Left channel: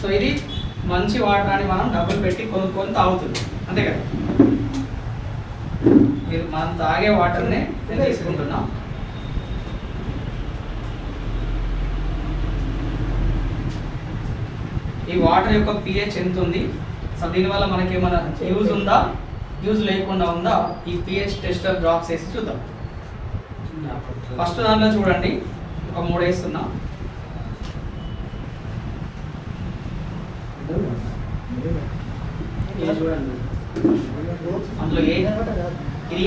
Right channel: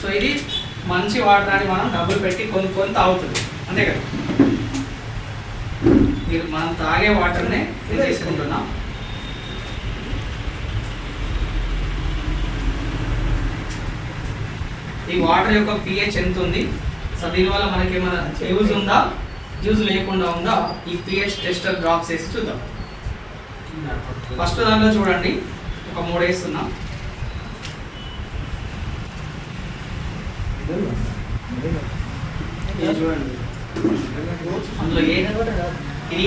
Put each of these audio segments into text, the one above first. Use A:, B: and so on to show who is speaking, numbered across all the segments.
A: So ఇది మంచి water అని మనం డబ్బులు పెట్టి కొనుక్కొని తాగుతుంది. అంతే కదా? మీరు మనం తాగే వాటర్నే నేను తీసుకుంటున్నాం ఈ వాటర్ యొక్క పిహెచ్ ఎంత ఉంది? సో దీనివల్ల మనకి ఏమైనా యూజ్ ఉందా? యూజ్ లేకుండా ఉందా? ఈ పిహెచ్ టెస్టర్ డ్రాప్స్ వేసి చూద్దాం. ఫస్ట్ దాంట్లో చూడండి. ఒక మూడు వేస్తున్నా ఇది చూడండి అందులో ఏ ఇది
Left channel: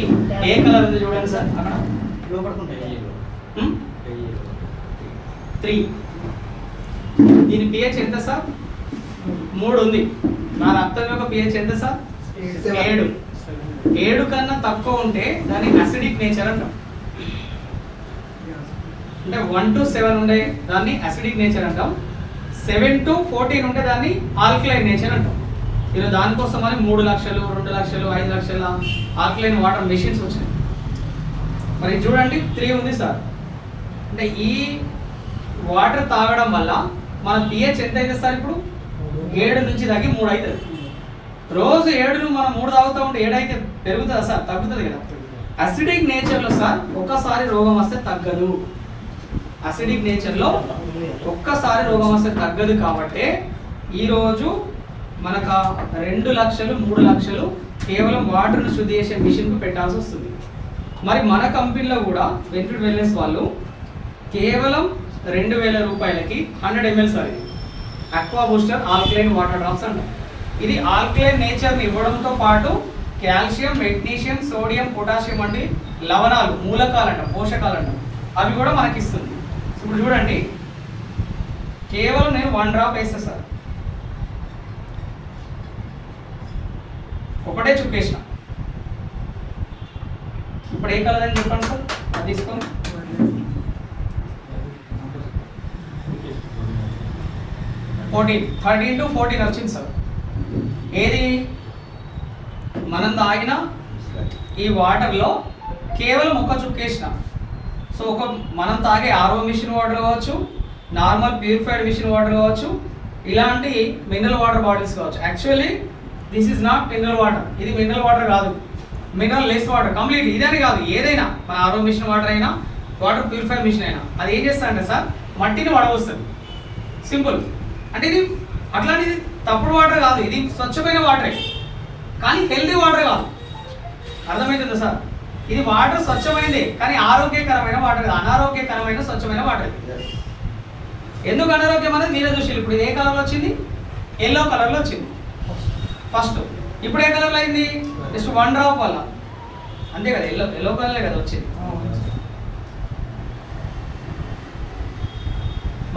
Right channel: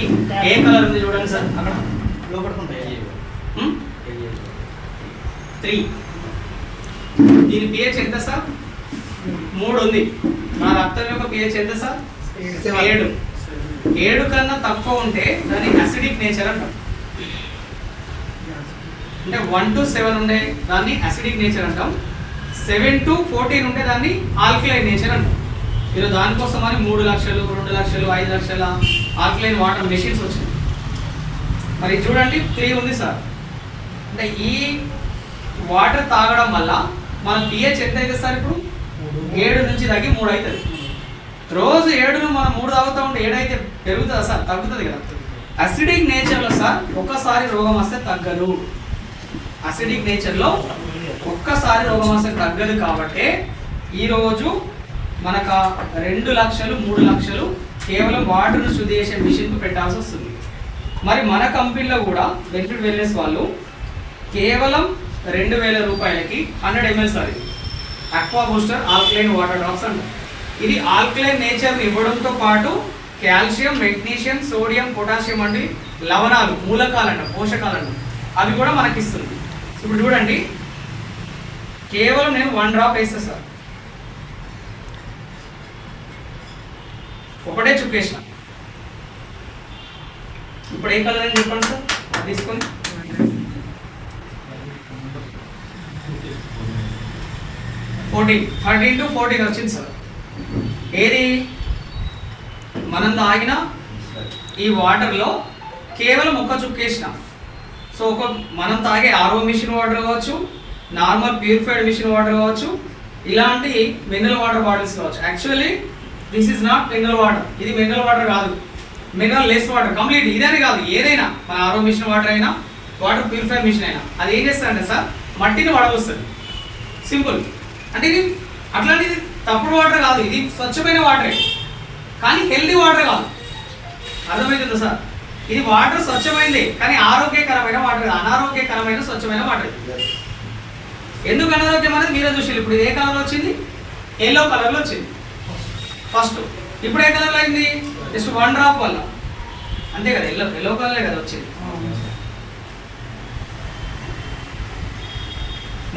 A: ఏ కలర్ ఉంది చూడండి సార్. అక్కడ త్రీ. దీని పిహెచ్ ఎంత సార్? మూడు ఉంది. నా రక్తం యొక్క పిహెచ్ ఎంత సార్? ఏడు. ఏడు కన్నా తక్కువ ఉంటే దాన్ని అసిడిక్ నేచర్ అంటాం. అంటే వన్ టు సెవెన్ ఉండే దాన్ని అసిడిక్ నేచర్ అంటాం. సెవెన్ టు ఫోర్టీన్ ఉంటే దాన్ని ఆల్కలైన్ నేచర్ అంటాం. ఈరోజు దానికోసం అని మూడు లక్షలు రెండు లక్షలు ఐదు లక్షల ఆల్కలైన్ వాటర్ మెషిన్స్ వచ్చినాయి. మరి చూడండి త్రీ ఉంది సార్. అంటే ఈ వాటర్ తాగడం వల్ల మన పిహెచ్ ఎంత అవుతుంది సార్ ఇప్పుడు? ఏడు నుంచి తగ్గి మూడు అవుతుంది రోజు ఏడును మనం మూడు తాగుతూ ఉంటే ఏడైతే పెరుగుతుందా సార్? తగ్గుతుంది కదా. అసిడిక్ నేచర్లో సార్ ఒక్కసారి రోగం వస్తే తగ్గదు. అసిడిక్ నేచర్లో ఒక్కసారి రోగం వస్తే తగ్గదు కాబట్టి ఈరోజు మనకు రెండు లక్షలు మూడు లక్షలు కేవలం వాటర్ను శుద్ధి చేసే మిషన్కు పెట్టాల్సి వస్తుంది. మరి మన కంపెనీలో కూడా బెనిఫిట్ వెల్నెస్ వాళ్ళు కేవలం రెండు వేల రూపాయలకి హండ్రెడ్ ఎంఎల్ సార్ ఇది aqua booster alkaline water drops అంటారు ఇది ఆల్కలైన్ నేచర్ని ఇవ్వడంతో పాటు కాల్షియం మెగ్నీషియం సోడియం పొటాషియం వంటి లవణాలు మూలకాలంట పోషకాలంట అవి కూడా మనకి ఇస్తుంది ఇప్పుడు చూడండి కేవలం నేను వన్ డ్రాప్ వేస్తా సార్. ఒకటే చుక్కేసిన. ఇప్పుడు ఏ కలర్ అని చెప్పండి సార్? అది తీసుకొని. ఫోర్టీన్ థర్టీన్ టు ఫోర్టీన్ వచ్చింది సార్. ఏది? మనం తాగిన ఈ వాటర్లో కేవలం ఒక చుక్కేసిన. సో ఒక మనం తాగే ఆర్ఓ మిషన్ వాటర్ కావచ్చు నార్మల్ ప్యూరిఫైడ్ మిషన్ వాటర్ కావచ్చు ఇలాంటి మినరల్ వాటర్ బాటిల్స్ కావచ్చు. Actually this is not mineral water ఇది మినరల్ వాటర్ కాదు. మినరల్ లెస్ వాటర్ కంప్లీట్ ఇదని కాదు. ఏదైనా మన ఆరో మిషన్ వాటర్ అయినా వాటర్ ప్యూరిఫైడ్ మిషన్ అయినా. అది ఏం చేస్తారంటే సార్ మట్టిని వడవస్తుంది. సింపుల్ అంటే ఇది అట్లాంటిది తప్పుడు వాటర్ కాదు. ఇది స్వచ్ఛమైన వాటరే కానీ హెల్దీ వాటర్ కాదు. అర్థమవుతుందా సార్? ఇది వాటర్ స్వచ్ఛమైనదే కానీ ఆరోగ్యకరమైన వాటర్ అనారోగ్యకరమైన స్వచ్ఛమైన వాటర్ ఎందుకు అనారోగ్యం అనేది మీరే చూసి ఇప్పుడు ఇది ఏ కలర్లో వచ్చింది ఎల్లో కలర్లో వచ్చింది. ఫస్ట్ ఇప్పుడు ఏ కలర్లో అయింది? జస్ట్ వన్ డ్రాప్ వల్ల. అంతే కదా ఎల్లో ఎల్లో కలర్లే కదా వచ్చింది.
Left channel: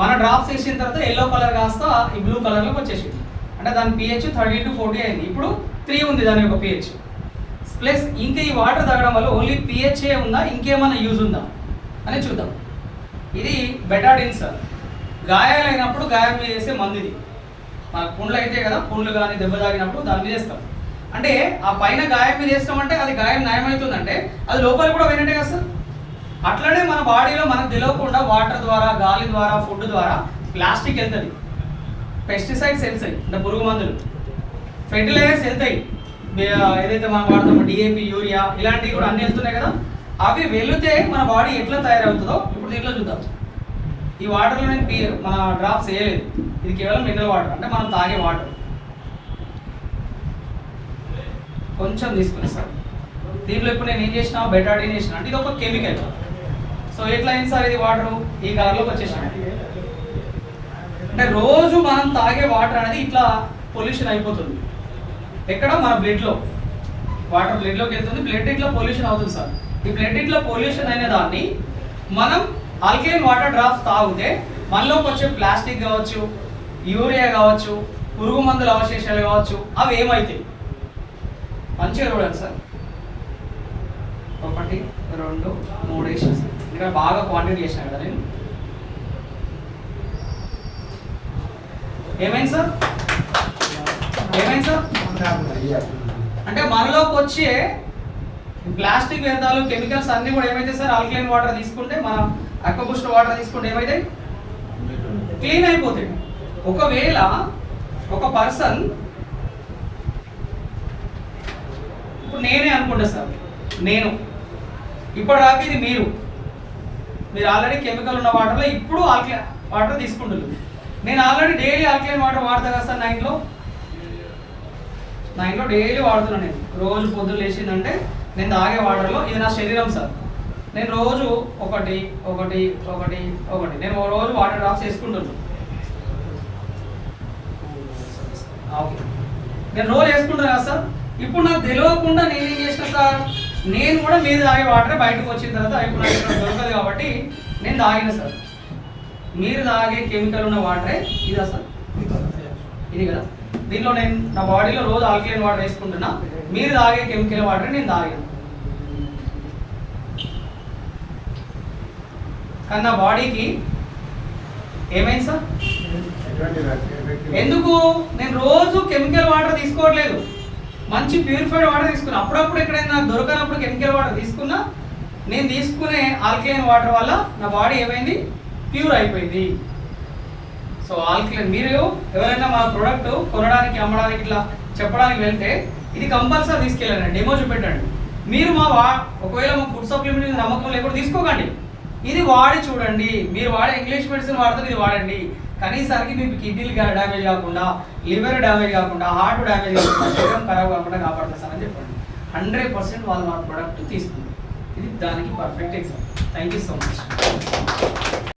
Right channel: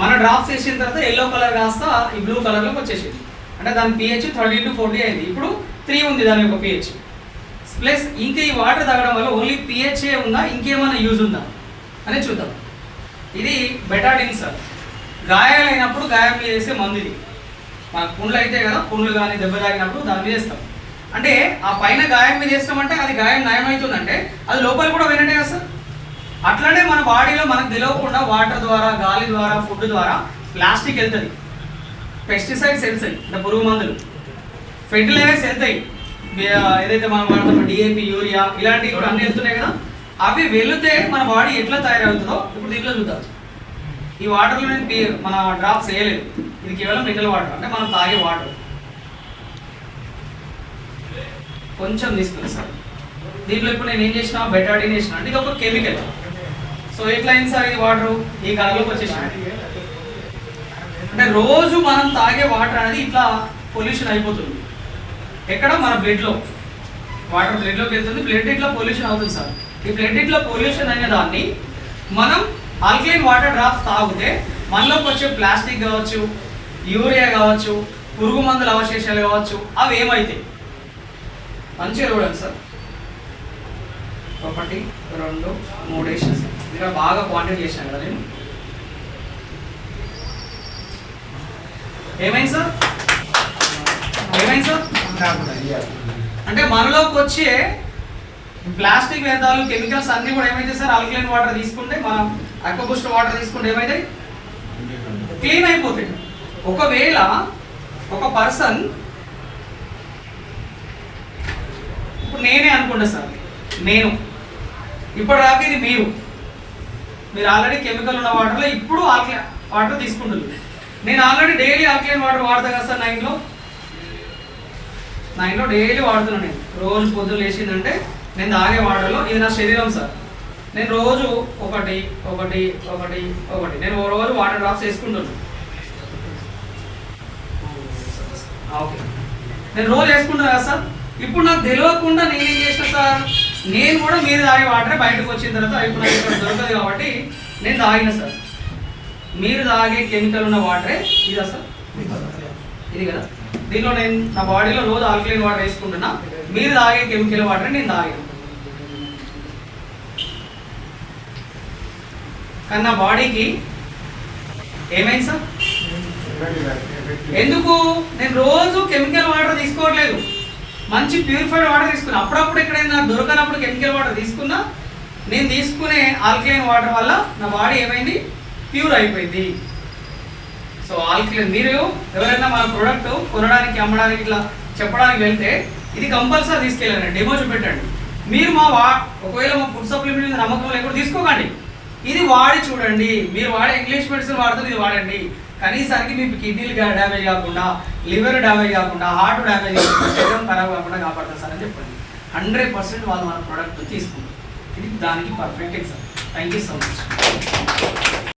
A: మన డ్రాప్స్ వేసిన తర్వాత ఎల్లో కలర్ కాస్త ఈ బ్లూ కలర్లోకి వచ్చేసింది. అంటే దాని పిహెచ్ థర్టీ టు ఫోర్టీ అయింది. ఇప్పుడు త్రీ ఉంది దాని యొక్క పిహెచ్ ప్లస్ ఇంకా ఈ వాటర్ తాగడం వల్ల ఓన్లీ పిహెచ్ఏ ఉందా ఇంకేమైనా యూజ్ ఉందా? అని చూద్దాం. ఇది బెటాడిన్ సార్ గాయాలైనప్పుడు గాయం మీద వేసే మందు ఇది మన పుండ్లు అయితే కదా పుండ్లు కానీ దెబ్బ తాగినప్పుడు దాని మీద వేస్తాం అంటే ఆ పైన గాయం మీద వేస్తామంటే అది గాయం నయమవుతుందంటే అది లోపల కూడా వినండి కదా సార్. అట్లనే మన బాడీలో మనకు తెలియకుండా వాటర్ ద్వారా గాలి ద్వారా ఫుడ్ ద్వారా ప్లాస్టిక్ వెళ్తుంది. పెస్టిసైడ్స్ వెళ్తాయి అంటే పురుగు మందులు. ఫెర్టిలైజర్స్ వెళ్తాయి. ఏదైతే మనం వాడతామో డిఏపి యూరియా ఇలాంటివి కూడా అన్ని వెళ్తున్నాయి కదా. అవి వెళితే మన బాడీ ఎట్లా తయారవుతుందో ఇప్పుడు దీంట్లో చూద్దాం. ఈ వాటర్లో నేను మన డ్రాప్స్ వేయలేదు. ఇది కేవలం మినరల్ వాటర్. అంటే మనం తాగే వాటర్. కొంచెం తీసుకుని సార్. దీంట్లో ఇప్పుడు నేను ఏం చేసిన? బెటాడిన్ వేసిన. అంటే ఇది ఒక కెమికల్. సో ఎట్లా అయింది సార్ ఇది వాటర్? ఈ కలర్లోకి వచ్చేసిన అంటే రోజు మనం తాగే వాటర్ అనేది ఇట్లా పొల్యూషన్ అయిపోతుంది. ఎక్కడ? మన బ్లడ్లో. వాటర్ బ్లడ్లోకి వెళ్తుంది. బ్లడ్ ఇట్లా పొల్యూషన్ అవుతుంది సార్. ఈ బ్లడ్ ఇట్లా పొల్యూషన్ అయిన దాన్ని మనం ఆల్కలైన్ వాటర్ డ్రాప్స్ తాగితే మనలోకి వచ్చే ప్లాస్టిక్ కావచ్చు యూరియా కావచ్చు పురుగు మందుల అవశేషాలు కావచ్చు అవి ఏమవుతాయి మంచిగా చూడండి సార్. ఒకటి రెండు మూడు వేసేసి సార్. బాగా క్వాంటిటీ చేసిన కదా నేను. ఏమైంది సార్? ఏమైంది సార్? అంటే మనలోకి వచ్చే ప్లాస్టిక్ వ్యర్థాలు కెమికల్స్ అన్నీ కూడా ఏమైతే సార్? ఆల్కలైన్ వాటర్ తీసుకుంటే మనం అక్వబూస్ట్ వాటర్ తీసుకుంటే ఏమైతాయి? క్లీన్ అయిపోతాయి. ఒకవేళ ఒక పర్సన్ ఇప్పుడు నేనే అనుకుంటా సార్ నేను. ఇప్పుడు రాక ఇది మీరు. మీరు ఆల్రెడీ కెమికల్ ఉన్న వాటర్లో ఇప్పుడు ఆల్కలైన్ వాటర్ తీసుకుంటున్నారు. నేను ఆల్రెడీ డైలీ ఆల్కలైన్ వాటర్ వాడతా కదా సార్ నా ఇంట్లో నా ఇంట్లో డైలీ వాడుతున్నాను నేను. రోజు పొద్దున్న లేచిందంటే నేను తాగే వాటర్లో ఇది నా శరీరం సార్. నేను రోజు ఒకటి ఒకటి ఒకటి ఒకటి. నేను ఓ రోజు వాటర్ డ్రాప్స్ వేసుకుంటున్నాను ఓకే. నేను రోజు వేసుకుంటున్నా కదా సార్. ఇప్పుడు నాకు తెలియకుండా నేనేం చేసిన సార్ నేను కూడా మీరు తాగే వాటరే బయటకు వచ్చిన తర్వాత ఇప్పుడు నాకు ఇక్కడ దొరకదు కాబట్టి నేను తాగిన సార్. మీరు తాగే కెమికల్ ఉన్న వాటరే ఇదా సార్? ఇది కదా. దీనిలో నేను నా బాడీలో రోజు ఆల్కలైన్ వాటర్ వేసుకుంటున్నా. మీరు తాగే కెమికల్ వాటర్ నేను తాగిన. కానీ నా బాడీకి ఏమైంది సార్? ఎందుకు? నేను రోజు కెమికల్ వాటర్ తీసుకోవట్లేదు. మంచి ప్యూరిఫైడ్ వాటర్ తీసుకున్నా. అప్పుడప్పుడు ఎక్కడైనా దొరకనప్పుడు కెమికల్ వాటర్ తీసుకున్నా నేను తీసుకునే ఆల్కలైన్ వాటర్ వల్ల నా బాడీ ఏమైంది? ప్యూర్ అయిపోయింది. సో ఆల్కలైన్ మీరు ఎవరైనా మన ప్రోడక్ట్ కొనడానికి అమ్మడానికి ఇట్లా చెప్పడానికి వెళ్తే ఇది కంపల్సరీ తీసుకెళ్ళండి. డెమో చూపెట్టండి. మీరు మా వా ఒకవేళ మా ఫుడ్ సప్లిమెంట్ నమ్మకం లేకుండా తీసుకోకండి. ఇది వాడి చూడండి. మీరు వాడే ఇంగ్లీష్ మెడిసిన్ వాడుతుంది ఇది వాడండి. కనీసానికి మీ కిడ్నీలు డ్యామేజ్ కాకుండా లివర్ డ్యామేజ్ కాకుండా హార్ట్ డ్యామేజ్ కాకుండా శరీరం ఖరాబ్ కాకుండా కాపాడుతుంది సార్ అని చెప్పండి. హండ్రెడ్ పర్సెంట్ వాళ్ళు మన ప్రోడక్ట్ తీసుకుంటారు. ఇది దానికి perfect exam thank you so much